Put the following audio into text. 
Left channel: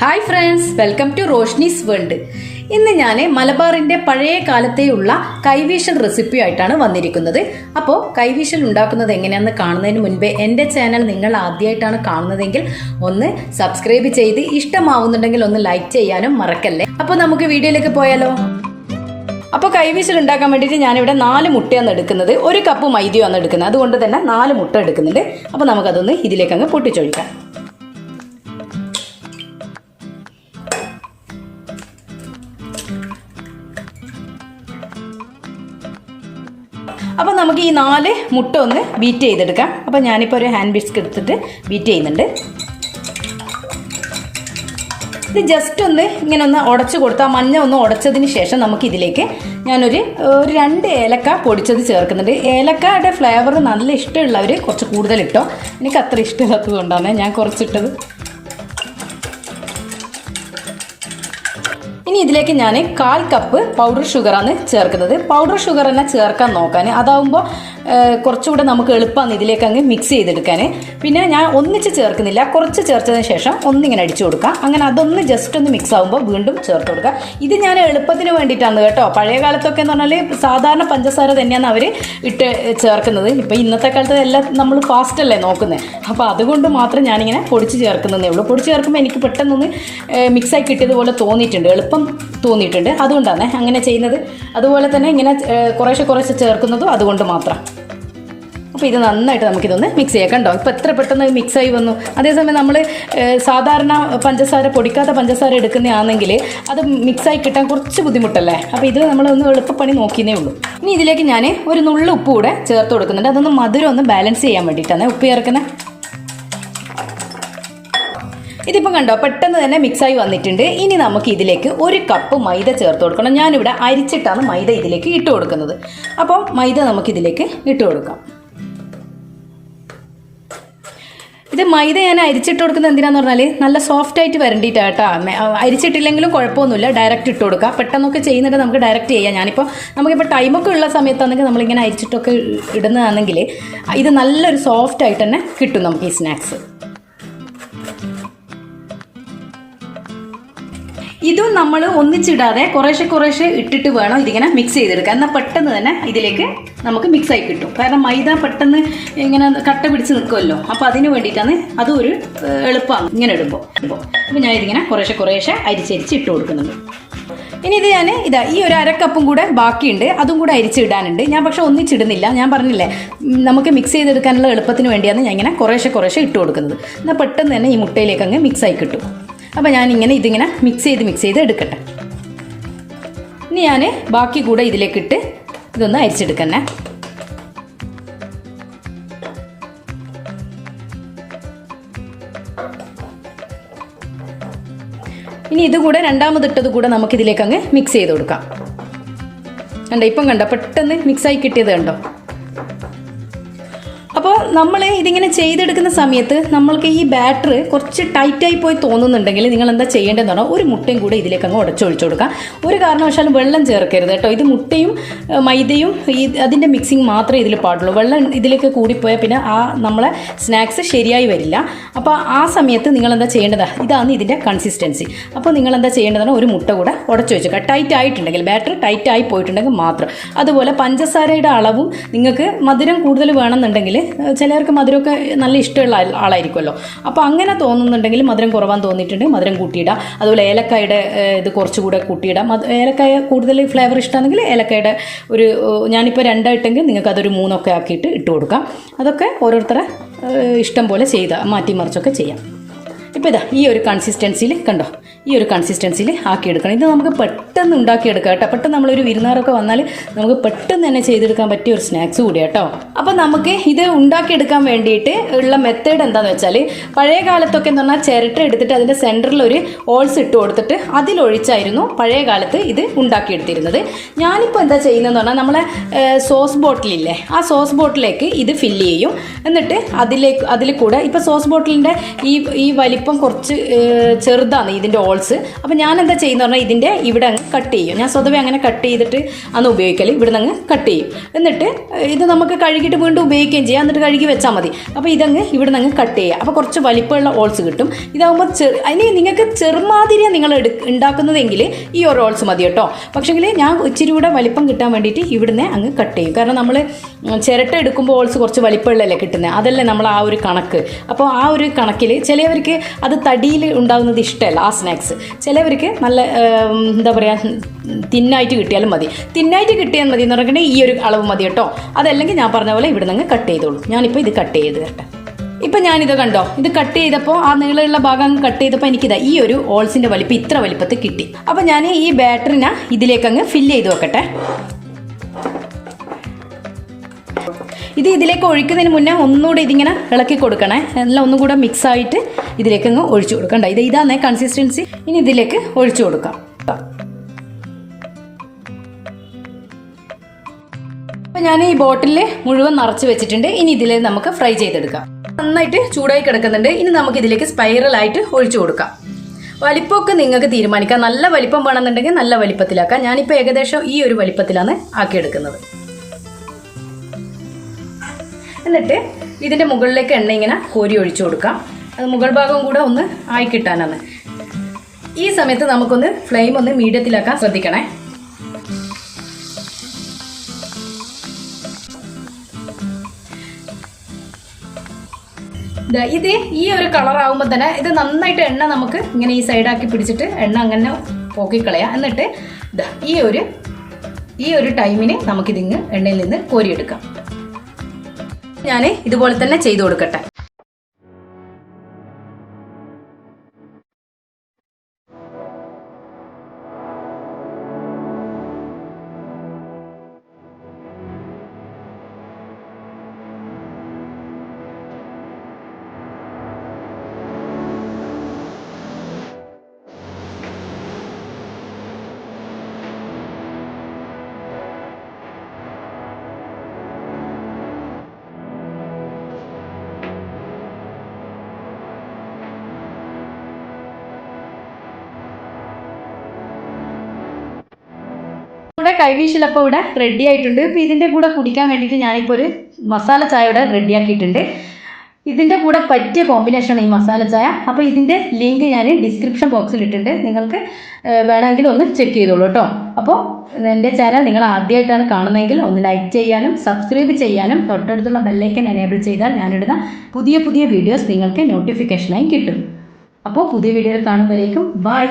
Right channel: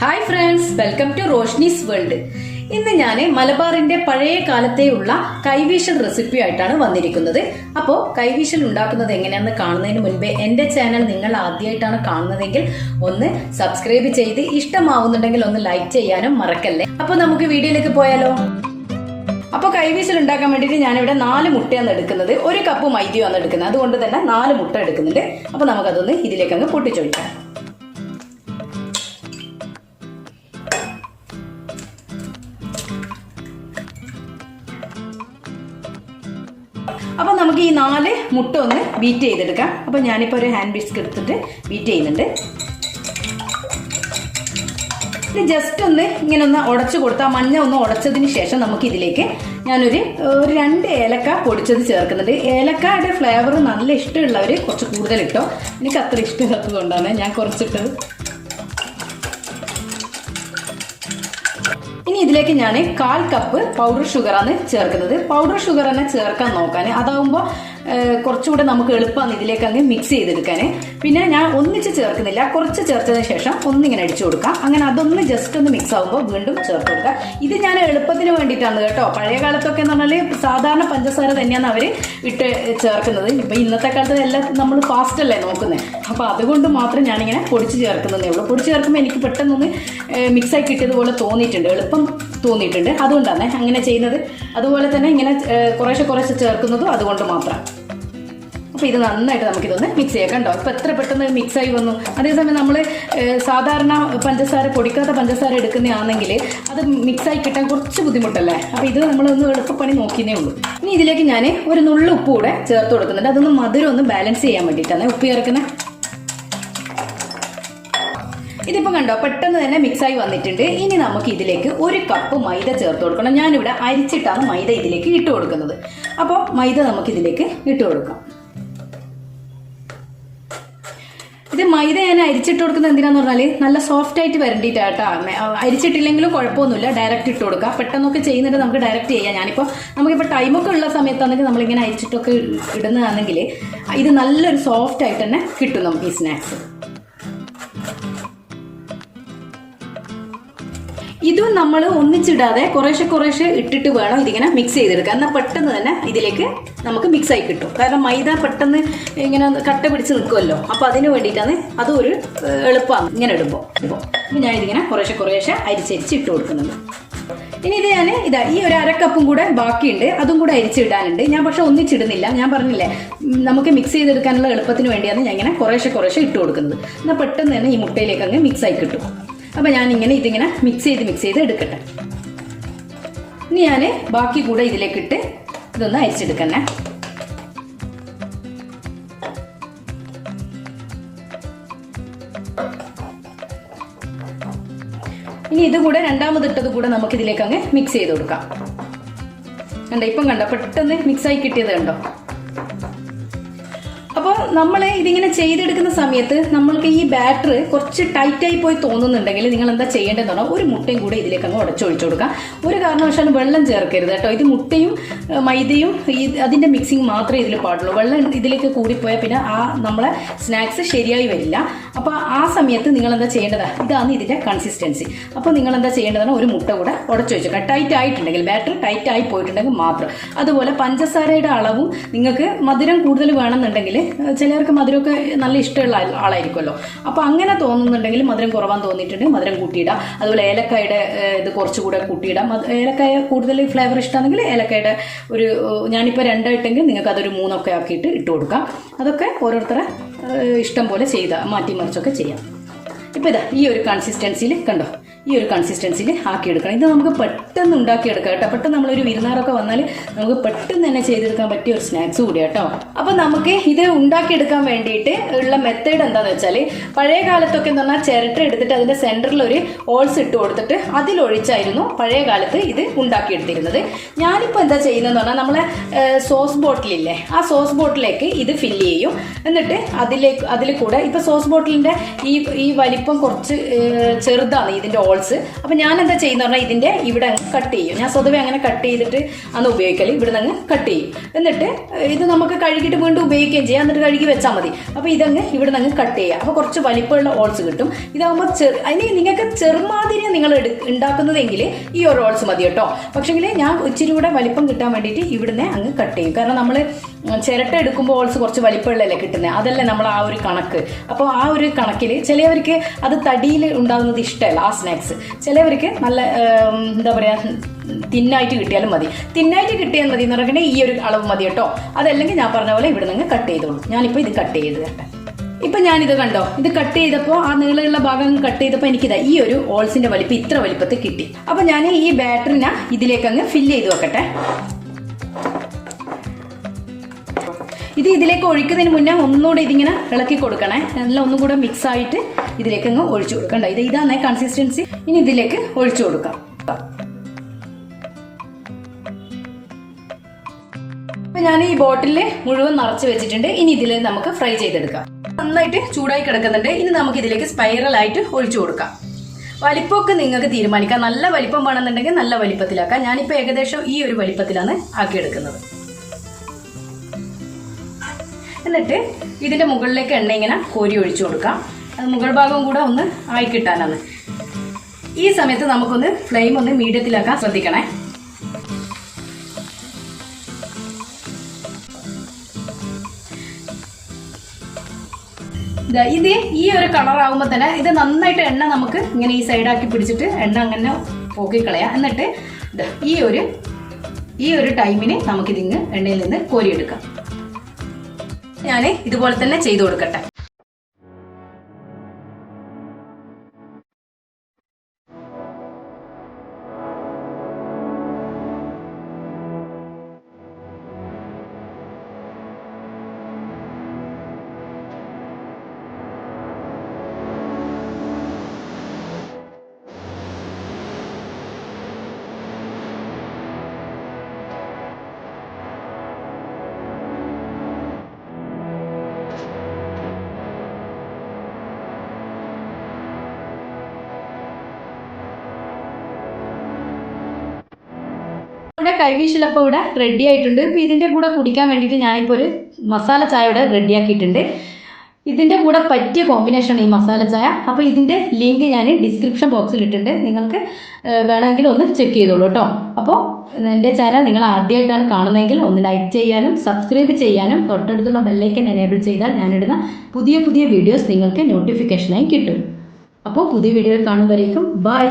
Hi friends, welcome to Roshni's world. ഇന്ന് ഞാൻ മലബാറിന്റെ പഴയ കാലത്തെയുള്ള കൈവീശൽ റെസിപ്പി ആയിട്ടാണ് വന്നിരിക്കുന്നത്. അപ്പോൾ കൈവീശൽ ഉണ്ടാക്കുന്നത് എങ്ങനെയാണെന്ന് കാണുന്നതിന് മുൻപേ എൻ്റെ ചാനൽ നിങ്ങൾ ആദ്യമായിട്ടാണ് കാണുന്നതെങ്കിൽ ഒന്ന് സബ്സ്ക്രൈബ് ചെയ്ത് ഇഷ്ടമാവുന്നുണ്ടെങ്കിൽ ഒന്ന് ലൈക്ക് ചെയ്യാനും മറക്കല്ലേ. അപ്പോൾ നമുക്ക് വീഡിയോയിലേക്ക് പോയാലോ. അപ്പോൾ കൈവീശൽ ഉണ്ടാക്കാൻ വേണ്ടിയിട്ട് ഞാനിവിടെ 4 മുട്ടയാണ് എടുക്കുന്നത്. 1 കപ്പ് മൈദയാണ് എടുക്കുന്നത്. അതുകൊണ്ട് തന്നെ 4 മുട്ട എടുക്കുന്നുണ്ട്. അപ്പോൾ നമുക്കതൊന്ന് ഇതിലേക്കങ്ങ് പൊട്ടിച്ചൊഴിക്കാം. അപ്പോൾ നമുക്ക് ഈ 4 മുട്ട ഒന്ന് ബീറ്റ് ചെയ്തെടുക്കാം. അപ്പോൾ ഞാനിപ്പോൾ ഒരു ഹാൻഡ് വിസ്ക് എടുത്തിട്ട് ബീറ്റ് ചെയ്യുന്നുണ്ട്. ഇത് ജസ്റ്റ് ഒന്ന് ഇങ്ങനെ ഒന്ന് ഉടച്ചു കൊടുത്താൽ മഞ്ഞ ഒന്ന് ഉടച്ചതിന് ശേഷം നമുക്ക് ഇതിലേക്ക് ഞാനൊരു 2 ഏലക്ക പൊടിച്ചത് ചേർക്കുന്നുണ്ട്. ഏലക്കയുടെ ഫ്ലേവർ നല്ല ഇഷ്ടമുള്ളവർ കുറച്ച് കൂടുതൽ ഇട്ടോ. എനിക്ക് അത്ര ഇഷ്ടമില്ലാത്തത് കൊണ്ടാണ് ഞാൻ കുറച്ചിട്ടത്. ഇനി ഇതിലേക്ക് ഞാൻ 1/4 കപ്പ് പൗഡർ ഷുഗറാണ് ചേർക്കുന്നത്. പൗഡർ ഷുഗർ തന്നെ ചേർക്കാൻ നോക്കാൻ, അതാവുമ്പോൾ കുറച്ചുകൂടെ നമുക്ക് എളുപ്പമാണ് ഇതിലേക്ക് അങ്ങ് മിക്സ് ചെയ്തെടുക്കാൻ. പിന്നെ ഞാൻ ഒന്നിച്ച് ചേർക്കുന്നില്ല, കുറച്ച് ചേർത്തതിന് ശേഷം ഒന്നിങ്ങനെ അടിച്ചു കൊടുക്കാം. അങ്ങനെ അതൊന്ന് ജസ്റ്റ് ഒന്ന് മിക്സ് ആകുമ്പോൾ വീണ്ടും ചേർത്ത് കൊടുക്കുക. ഇത് ഞാൻ എളുപ്പത്തിന് വേണ്ടിയിട്ടാണ് കേട്ടോ. പഴയ കാലത്തൊക്കെ എന്ന് പറഞ്ഞാൽ സാധാരണ പഞ്ചസാര തന്നെയാണ് അവർ ഇട്ട് ചേർക്കുന്നത്. ഇപ്പം ഇന്നത്തെ കാലത്ത് എല്ലാം നമ്മൾ ഫാസ്റ്റ് അല്ലേ നോക്കുന്നത്. അപ്പോൾ അതുകൊണ്ട് മാത്രം ഞാനിങ്ങനെ പൊടിച്ച് ചേർക്കുന്നതേ ഉള്ളൂ. പൊടിച്ച് ചേർക്കുമ്പോൾ എനിക്ക് പെട്ടെന്നൊന്ന് മിക്സായി കിട്ടിയതുപോലെ തോന്നിയിട്ടുണ്ട്, എളുപ്പം തോന്നിയിട്ടുണ്ട്. അതുകൊണ്ടാണ് അങ്ങനെ ചെയ്യുന്നത്. അതുപോലെ തന്നെ ഇങ്ങനെ കുറേശ്ശെ ചേർക്കുന്നതും അതുകൊണ്ട് മാത്രം. അപ്പോൾ ഇത് നന്നായിട്ട് നമുക്കിതൊന്ന് മിക്സ് ചെയ്യാം. കണ്ടോ, ഇപ്പോൾ എത്ര പെട്ടെന്ന് മിക്സായി വന്നു. അതേസമയം നമ്മൾ സാധാരണ പഞ്ചസാര, പൊടിക്കാത്ത പഞ്ചസാര എടുക്കുന്നതാണെങ്കിൽ അത് മിക്സായി കിട്ടാൻ കുറച്ച് ബുദ്ധിമുട്ടല്ലേ. അപ്പോൾ ഇത് നമ്മളൊന്ന് എളുപ്പപ്പണി നോക്കിയേ ഉള്ളൂ. ഇനി ഇതിലേക്ക് ഞാൻ ഒരു നുള്ളു ഉപ്പ് കൂടെ ചേർത്ത് കൊടുക്കുന്നുണ്ട്. അതൊന്ന് മധുരം ഒന്ന് ബാലൻസ് ചെയ്യാൻ വേണ്ടിയിട്ടാണ് ഉപ്പ് ചേർക്കുന്നത്. ഇതിപ്പോൾ കണ്ടോ, പെട്ടെന്ന് തന്നെ മിക്സായി വന്നിട്ടുണ്ട്. ഇനി നമുക്ക് ഇതിലേക്ക് 1 കപ്പ് മൈദ ചേർത്ത് കൊടുക്കണം. ഞാനിവിടെ അരിച്ചിട്ടാണ് മൈദ ഇതിലേക്ക് ഇട്ട് കൊടുക്കുന്നത്. അപ്പോൾ മൈദ നമുക്കിതിലേക്ക് ഇട്ട് കൊടുക്കാം. ഇത് മൈദ ഞാൻ അരിച്ചിട്ട് കൊടുക്കുന്നത് എന്തിനാന്ന് പറഞ്ഞാൽ നല്ല സോഫ്റ്റ് ആയിട്ട് വരണ്ടിയിട്ടാട്ടോ. അരിച്ചിട്ടില്ലെങ്കിലും കുഴപ്പമൊന്നുമില്ല, ഡയറക്റ്റ് ഇട്ട് കൊടുക്കുക. പെട്ടെന്നൊക്കെ ചെയ്യുന്നുണ്ട് നമുക്ക് ഡയറക്റ്റ് ചെയ്യാം. നമുക്കിപ്പോൾ ടൈമൊക്കെ ഉള്ള സമയത്താണെങ്കിൽ നമ്മളിങ്ങനെ അരിച്ചിട്ടൊക്കെ ഇടുന്നതാണെങ്കിൽ ഇത് നല്ലൊരു സോഫ്റ്റ് ആയിട്ട് തന്നെ കിട്ടും നമുക്ക് ഈ സ്നാക്സ്. ഇതും നമ്മൾ ഒന്നിച്ചിടാതെ കുറേശ്ശെ ഇട്ടിട്ട് വേണം ഇതിങ്ങനെ മിക്സ് ചെയ്തെടുക്കുക. എന്നാൽ പെട്ടെന്ന് തന്നെ ഇതിലേക്ക് നമുക്ക് മിക്സായി കിട്ടും. കാരണം മൈദ പെട്ടെന്ന് ഇങ്ങനെ കട്ട പിടിച്ച് നിൽക്കുമല്ലോ. അപ്പോൾ അതിന് വേണ്ടിയിട്ടാണ് അതും ഒരു എളുപ്പമാണ് ഇങ്ങനെ ഇടുമ്പോൾ. അപ്പോൾ ഞാൻ ഇതിങ്ങനെ കുറേശ്ശെ അരിച്ചരിച്ച് ഇട്ട് കൊടുക്കുന്നുണ്ട്. ഇനി ഇത് ഞാൻ ഈ ഒരു 1/2 കപ്പും കൂടെ ബാക്കിയുണ്ട്, അതും കൂടെ അരിച്ചിടാനുണ്ട്. ഞാൻ പക്ഷെ ഒന്നിച്ചിടുന്നില്ല. ഞാൻ പറഞ്ഞില്ലേ, നമുക്ക് മിക്സ് ചെയ്തെടുക്കാനുള്ള എളുപ്പത്തിന് വേണ്ടിയാണ് ഞാൻ ഇങ്ങനെ കുറേശ്ശെ ഇട്ട് കൊടുക്കുന്നത്. എന്നാൽ പെട്ടെന്ന് തന്നെ ഈ മുട്ടയിലേക്ക് അങ്ങ് മിക്സായി കിട്ടും. അപ്പോൾ ഞാനിങ്ങനെ ഇതിങ്ങനെ മിക്സ് ചെയ്ത് എടുക്കട്ടെ. ഇനി ഞാൻ ബാക്കി കൂടെ ഇതിലേക്കിട്ട് ഇതൊന്ന് അരിച്ചെടുക്കണേ. ഇനി ഇത് കൂടെ രണ്ടാമതിട്ടത് കൂടെ നമുക്കിതിലേക്ക് അങ്ങ് മിക്സ് ചെയ്ത് കൊടുക്കാം. കണ്ടോ, ഇപ്പം കണ്ടോ പെട്ടെന്ന് മിക്സായി കിട്ടിയത് കണ്ടോ. അപ്പോൾ നമ്മൾ ഇതിങ്ങനെ ചെയ്തെടുക്കുന്ന സമയത്ത് നമ്മൾക്ക് ഈ ബാറ്റർ കുറച്ച് ടൈറ്റായി പോയി തോന്നുന്നുണ്ടെങ്കിൽ നിങ്ങൾ എന്താ ചെയ്യേണ്ടതെന്ന് പറഞ്ഞാൽ 1 മുട്ടയും കൂടെ ഇതിലേക്ക് അങ്ങ് ഉടച്ചൊഴിച്ചു കൊടുക്കാം. ഒരു കാരണവശാലും വെള്ളം ചേർക്കരുത് കേട്ടോ. ഇത് മുട്ടയും മൈദയും അതിൻ്റെ മിക്സിങ് മാത്രമേ ഇതിൽ പാടുള്ളൂ. വെള്ളം ഇതിലേക്ക് കൂടിപ്പോയാൽ പിന്നെ നമ്മളെ സ്നാക്സ് ശരിയായി വരില്ല. അപ്പോൾ ആ സമയത്ത് നിങ്ങൾ എന്താ ചെയ്യേണ്ടതാണ്, ഇതാണ് ഇതിൻ്റെ കൺസിസ്റ്റൻസി. അപ്പോൾ നിങ്ങൾ എന്താ ചെയ്യേണ്ടതാണ്, 1 മുട്ട കൂടെ ഉടച്ചൊഴിക്കുക. ടൈറ്റ് ആയിട്ടുണ്ടെങ്കിൽ, ബാറ്റർ ടൈറ്റ് ആയി പോയിട്ടുണ്ടെങ്കിൽ മാത്രം. അതുപോലെ പഞ്ചസാരയുടെ അളവും നിങ്ങൾക്ക് മധുരം കൂടുതൽ വേണമെന്നുണ്ടെങ്കിൽ, ചിലർക്ക് മധുരമൊക്കെ നല്ല ഇഷ്ടമുള്ള ആളായിരിക്കുമല്ലോ. അപ്പോൾ അങ്ങനെ തോന്നുന്നുണ്ടെങ്കിൽ മധുരം കുറവാൻ തോന്നിയിട്ടുണ്ടെങ്കിൽ മധുരം കൂട്ടിയിടാം. അതുപോലെ ഏലക്കായുടെ ഇത് കുറച്ചുകൂടെ കൂട്ടിയിടാം. ഏലക്കായ കൂടുതൽ ഫ്ലേവർ ഇഷ്ടമാണെങ്കിൽ ഏലക്കായുടെ ഞാനിപ്പോൾ 2 ഇട്ടെങ്കിൽ നിങ്ങൾക്ക് അതൊരു 3 ഒക്കെ ആക്കിയിട്ട് ഇട്ട് കൊടുക്കാം. അതൊക്കെ ഓരോരുത്തരെ ഇഷ്ടം പോലെ മാറ്റി മറിച്ചൊക്കെ ചെയ്യാം. ഇപ്പോൾ ഇതാ ഈ ഒരു കൺസിസ്റ്റൻസിയിൽ കണ്ടോ, ഈ ഒരു കൺസിസ്റ്റൻസിയിൽ ആക്കിയെടുക്കണം. ഇത് നമുക്ക് പെട്ടെന്ന് ഉണ്ടാക്കിയെടുക്കാം കേട്ടോ. പെട്ടെന്ന് നമ്മളൊരു വിരുന്നാരൊക്കെ വന്നാൽ നമുക്ക് പെട്ടെന്ന് തന്നെ ചെയ്തെടുക്കാൻ പറ്റിയ ഒരു സ്നാക്സ് കൂടി കേട്ടോ. അപ്പോൾ നമുക്ക് ഇത് ഉണ്ടാക്കിയെടുക്കാൻ വേണ്ടിയിട്ട് ഉള്ള മെത്തേഡ് എന്താണെന്ന് വെച്ചാൽ, പഴയ കാലത്തൊക്കെ എന്ന് പറഞ്ഞാൽ ചിരട്ട എടുത്തിട്ട് അതിൻ്റെ സെൻറ്ററിൽ ഒരു ഹോൾസ് ഇട്ട് കൊടുത്തിട്ട് അതിലൊഴിച്ചായിരുന്നു പഴയ കാലത്ത് ഇത് ഉണ്ടാക്കിയെടുത്തിരുന്നത്. ഞാനിപ്പോൾ എന്താ ചെയ്യുന്നതെന്ന് പറഞ്ഞാൽ, നമ്മളെ സോസ് ബോട്ടിലില്ലേ, ആ സോസ് ബോട്ടിലേക്ക് ഇത് ഫില്ല് ചെയ്യും. എന്നിട്ട് അതിൽ കൂടെ ഇപ്പോൾ സോസ് ബോട്ടിലിൻ്റെ ഈ വലിപ്പം വലിപ്പം കുറച്ച് ചെറുതാണ് ഇതിൻ്റെ ഓൾസ്. അപ്പോൾ ഞാൻ എന്താ ചെയ്യുന്നത് പറഞ്ഞാൽ ഇതിൻ്റെ ഇവിടെ അങ്ങ് കട്ട് ചെയ്യും. ഞാൻ സ്വതവേ അങ്ങനെ കട്ട് ചെയ്തിട്ട് അന്ന് ഉപയോഗിക്കൽ. ഇവിടെ നിന്ന് അങ്ങ് കട്ട് ചെയ്യും. എന്നിട്ട് ഇത് നമുക്ക് കഴുകിയിട്ട് വീണ്ടും ഉപയോഗിക്കുകയും ചെയ്യാം. എന്നിട്ട് കഴുകി വെച്ചാൽ മതി. അപ്പോൾ ഇതങ്ങ് ഇവിടെ നിന്ന് കട്ട് ചെയ്യുക. അപ്പോൾ കുറച്ച് വലിപ്പമുള്ള ഓൾസ് കിട്ടും. ഇതാകുമ്പോൾ അതിന് നിങ്ങൾക്ക് ചെറുമാതിരിയാണ് നിങ്ങൾ ഉണ്ടാക്കുന്നതെങ്കിൽ ഈ ഒരു ഓൾസ് മതി കേട്ടോ. പക്ഷേങ്കിൽ ഞാൻ ഇച്ചിരി കൂടെ വലിപ്പം കിട്ടാൻ വേണ്ടിയിട്ട് ഇവിടുന്ന് അങ്ങ് കട്ട് ചെയ്യും. കാരണം നമ്മൾ ചിരട്ട എടുക്കുമ്പോൾ ഓൾസ് കുറച്ച് വലിപ്പമുള്ളതല്ലേ കിട്ടുന്നത്. അതല്ലേ നമ്മൾ ആ ഒരു കണക്ക്. അപ്പോൾ ആ ഒരു കണക്കിൽ ചിലവർക്ക് അത് തടിയിൽ ഉണ്ടാകുന്നത് ഇഷ്ടമല്ല ആ സ്നാക്സ്. ചിലവർക്ക് നല്ല എന്താ പറയുക തിന്നായിട്ട് കിട്ടിയാലും മതി. തിന്നായിട്ട് കിട്ടിയാൽ മതി എന്ന് പറഞ്ഞിട്ടുണ്ടെങ്കിൽ ഈ ഒരു അളവ് മതി കേട്ടോ. അതല്ലെങ്കിൽ ഞാൻ പറഞ്ഞ പോലെ ഇവിടെ നിന്ന് കട്ട് ചെയ്തോളൂ. ഞാനിപ്പോൾ ഇത് കട്ട് ചെയ്ത് കേട്ടോ. ഇപ്പം ഞാനിത് കണ്ടോ, ഇത് കട്ട് ചെയ്തപ്പോൾ ആ നീളമുള്ള ഭാഗം കട്ട് ചെയ്തപ്പോൾ എനിക്കിതാ ഈ ഒരു ഓൾസിൻ്റെ വലിപ്പം ഇത്ര വലിപ്പത്തിൽ കിട്ടി. അപ്പോൾ ഞാൻ ഈ ബാറ്ററിനെ ഇതിലേക്ക് അങ്ങ് ഫില്ല് ചെയ്ത് വെക്കട്ടെ. ഇതിലേക്ക് ഒഴിക്കുന്നതിന് മുന്നേ ഒന്നുകൂടെ ഇതിങ്ങനെ ഇളക്കി കൊടുക്കണേ. എല്ലാം ഒന്നുകൂടെ മിക്സ് ആയിട്ട് ഇതിലേക്ക് അങ്ങ് ഒഴിച്ചു കൊടുക്കണ്ട. ഇതാണ് കൺസിസ്റ്റൻസി. ഇനി ഇതിലേക്ക് ഒഴിച്ചു കൊടുക്കാം. അപ്പം ഞാൻ ഈ ബോട്ടിൽ മുഴുവൻ നിറച്ച് വെച്ചിട്ടുണ്ട്. ഇനി ഇതിൽ നമുക്ക് ഫ്രൈ ചെയ്തെടുക്കാം. നന്നായിട്ട് ചൂടായി കിടക്കുന്നുണ്ട്. ഇനി നമുക്ക് ഇതിലേക്ക് സ്പൈറലായിട്ട് ഒഴിച്ചു കൊടുക്കാം. വലിപ്പമൊക്കെ നിങ്ങൾക്ക് തീരുമാനിക്കാം. നല്ല വലിപ്പം വേണമെന്നുണ്ടെങ്കിൽ നല്ല വലിപ്പത്തിലാക്കാം. ഞാനിപ്പോൾ ഏകദേശം ഈ ഒരു വലിപ്പത്തിലാണ് ആക്കിയെടുക്കുന്നത്. എന്നിട്ട് ഇതിൻ്റെ മുകളിലേക്ക് എണ്ണ ഇങ്ങനെ കോരി ഒഴിച്ചു കൊടുക്കാം. അത് മുകൾ ഭാഗവും കൂടെ ഒന്ന് ആയി കിട്ടാനാണ്. ഈ സമയത്ത് നമുക്കൊന്ന് ഫ്ലെയിം ഒന്ന് മീഡിയത്തിലാക്കാൻ ശ്രദ്ധിക്കണേ. ഇത് ഈ ഒരു കളർ ആകുമ്പോൾ തന്നെ ഇത് നന്നായിട്ട് എണ്ണ നമുക്ക് ഇങ്ങനെ ഈ സൈഡാക്കി പിടിച്ചിട്ട് എണ്ണ അങ്ങനെ പോക്കിക്കളയാം. എന്നിട്ട് ഈ ഒരു ടൈമിന് നമുക്കിതിങ്ങ് എണ്ണയിൽ നിന്ന് കോരിയെടുക്കാം. ഞാൻ ഇതുപോലെ തന്നെ ചെയ്തു കൊടുക്കട്ടെ. ഇവിടെ കൈവീശലപ്പം ഇവിടെ റെഡി ആയിട്ടുണ്ട്. ഇപ്പോൾ ഇതിൻ്റെ കൂടെ കുടിക്കാൻ വേണ്ടിയിട്ട് ഞാനിപ്പോൾ ഒരു മസാല ചായ ഇവിടെ റെഡിയാക്കിയിട്ടുണ്ട്. ഇതിൻ്റെ കൂടെ പറ്റിയ കോമ്പിനേഷനാണ് ഈ മസാല ചായ. അപ്പോൾ ഇതിൻ്റെ ലിങ്ക് ഞാൻ ഡിസ്ക്രിപ്ഷൻ ബോക്സിൽ ഇട്ടിട്ടുണ്ട്. നിങ്ങൾക്ക് വേണമെങ്കിൽ ഒന്ന് ചെക്ക് ചെയ്തോളൂ കേട്ടോ. അപ്പോൾ എൻ്റെ ചാനൽ നിങ്ങൾ ആദ്യമായിട്ടാണ് കാണുന്നതെങ്കിൽ ഒന്ന് ലൈക്ക് ചെയ്യാനും സബ്സ്ക്രൈബ് ചെയ്യാനും തൊട്ടടുത്തുള്ള ബെല്ലൈക്കൻ എനേബിൾ ചെയ്താൽ ഞാനിടുന്ന പുതിയ പുതിയ വീഡിയോസ് നിങ്ങൾക്ക് നോട്ടിഫിക്കേഷനായി കിട്ടും. അപ്പോൾ പുതിയ വീഡിയോയിൽ കാണുമ്പോഴേക്കും ബൈ.